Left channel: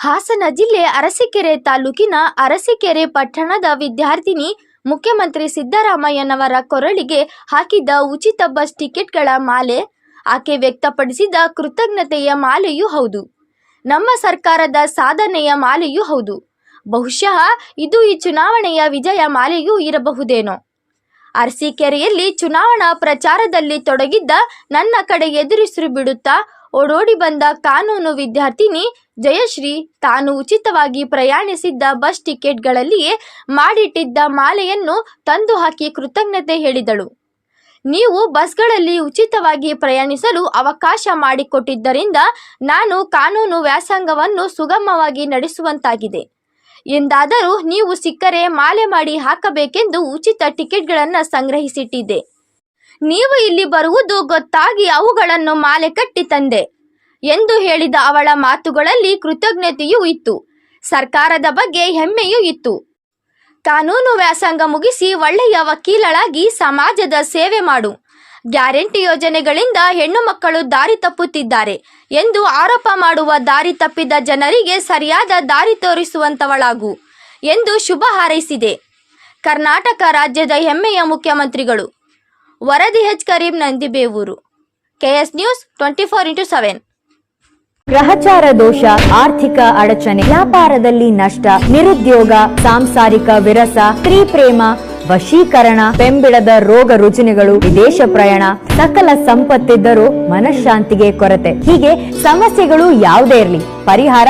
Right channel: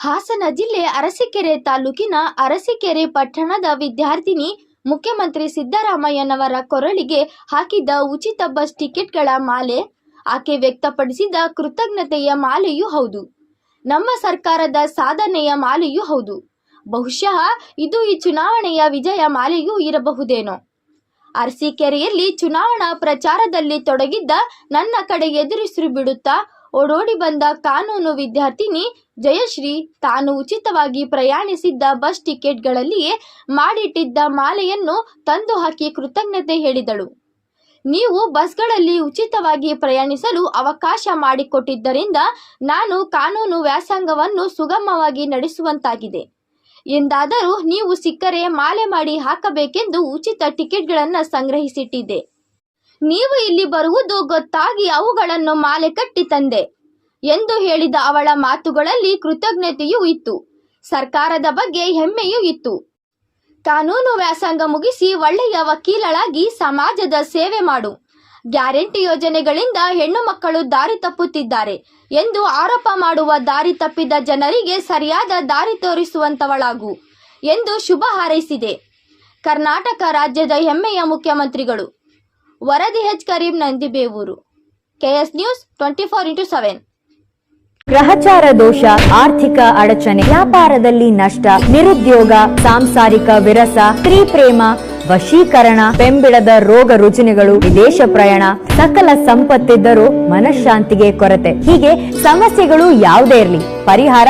ಹಾಸನ ಜಿಲ್ಲೆ ಅರಸೀಕೆರೆ ತಾಲೂಕಿನ ಅರಸೀಕೆರೆ ಪಟ್ಟಣದ ವಿದ್ಯಾರ್ಥಿನಿ ಮುಖ್ಯಮಂತ್ರಿ ಸಿದ್ದರಾಮಯ್ಯನವರ ಕೊರಳಿಗೆ ಹಾಕಿದ್ದ ಉಚಿತ ಬಸ್ ಟಿಕೆಟ್ಗಳ ಮಾಲೆ ಆಕೆ ವ್ಯಕ್ತಪಡಿಸಿದ ಕೃತಜ್ಞತೆಯ ಮಾಲೆಯೂ ಹೌದು. ನಮ್ಮ ಸರ್ಕಾರದ ಸಾಧನೆಯ ಮಾಲೆಯೂ ಹೌದು. ಬಹುಶಃ ಇದು ಈ ಚುನಾವಣೆಯ ವಿಜಯ ಮಾಲೆಯೂ ಇರಬಹುದೇನೋ. ಅರಸೀಕೆರೆಯಲ್ಲಿ ಚುನಾವಣಾ ಪ್ರಚಾರದಲ್ಲಿ ತೊಡಗಿದ್ದ ನನ್ನ ಕಡೆ ಎದುರಿಸಿರು ಬಿಡುತ್ತಾ ಓಡೋಡಿ ಬಂದ ಕಾನೂನು ವಿದ್ಯಾರ್ಥಿನಿ ಜಯಶ್ರೀ ತಾನು ಉಚಿತವಾಗಿ ಪ್ರಯಾಣಿಸಿದ್ದ ಬಸ್ ಟಿಕೆಟ್ಗಳಲ್ಲಿಯೇ ಮಾಡಿಟ್ಟಿದ್ದ ಮಾಲೆಯನ್ನು ತಂದು ಹಾಕಿ ಕೃತಜ್ಞತೆ ಹೇಳಿದಳು. ನೀವು ಬಸ್ಗಳಲ್ಲಿ ಉಚಿತವಾಗಿ ಪ್ರಯಾಣಿಸಲು ಅವಕಾಶ ಮಾಡಿಕೊಟ್ಟಿದ್ದರಿಂದ ನಾನು ಕಾನೂನು ವ್ಯಾಸಂಗವನ್ನು ಸುಗಮವಾಗಿ ನಡೆಸುವಂತಾಗಿದೆ. ಎಂದಾದರೂ ನೀವು ಸಿಕ್ಕರೆ ಮಾಲೆ ಮಾಡಿ ಹಾಕಬೇಕೆಂದು ಉಚಿತ ಟಿಕೆಟ್ಗಳನ್ನು ಸಂಗ್ರಹಿಸಿಟ್ಟಿದ್ದೆ. ನೀವು ಇಲ್ಲಿ ಬರುವುದು ಗೊತ್ತಾಗಿ ಅವುಗಳನ್ನು ಮಾಲೆ ಕಟ್ಟಿ ತಂದೆ ಎಂದು ಹೇಳಿದ ಅವಳ ಮಾತುಗಳಲ್ಲಿ ಕೃತಜ್ಞತೆಯೂ ಇತ್ತು. ಸರ್ಕಾರದ ಬಗ್ಗೆ ಹೆಮ್ಮೆಯೂ ಇತ್ತು. ಕಾನೂನು ವ್ಯಾಸಂಗ ಮುಗಿಸಿ ಒಳ್ಳೆಯ ವಕೀಲಳಾಗಿ ಸಮಾಜದ ಸೇವೆ ಮಾಡು. ಗ್ಯಾರಂಟಿ ಯೋಜನೆಗಳಿಂದ ಹೆಣ್ಣು ಮಕ್ಕಳು ದಾರಿ ತಪ್ಪುತ್ತಿದ್ದಾರೆ ಎಂದು ಆರೋಪ ಮಾಡುವ ದಾರಿ ತಪ್ಪಿದ ಜನರಿಗೆ ಸರಿಯಾದ ದಾರಿ ತೋರಿಸುವಂತವಳಾಗು ಎಂದು ಶುಭ ಹಾರೈಸಿದೆ. ಕರ್ನಾಟಕ ರಾಜ್ಯದ ಹೆಮ್ಮೆಯ ಮುಖ್ಯಮಂತ್ರಿಗಳು ವರದಿ H Karim Nandibevur KS news twenty four into seven. ಗ್ರಹಚಾರ ದೋಷ, ಆರ್ಥಿಕ ಅಡಚಣೆ, ವ್ಯಾಪಾರದಲ್ಲಿ ನಷ್ಟ, ನಿರುದ್ಯೋಗ, ಸಾಂಸಾರಿಕ ವಿರಸ, ಸ್ತ್ರೀ ಪ್ರೇಮ, ವಶೀಕರಣ, ಬೆಂಬಿಡದ ರೋಗ ರುಜಿನಗಳು, ವಿದೇಶ ಪ್ರಯಾಣ, ಸಕಲ ಸಂಪತ್ತಿದ್ದರೂ ಮನಃಶಾಂತಿಗೆ ಕೊರತೆ. ಹೀಗೆ ಸಮಸ್ಯೆಗಳು ಯಾವುದೇ ಇರಲಿ, ಪರಿಹಾರ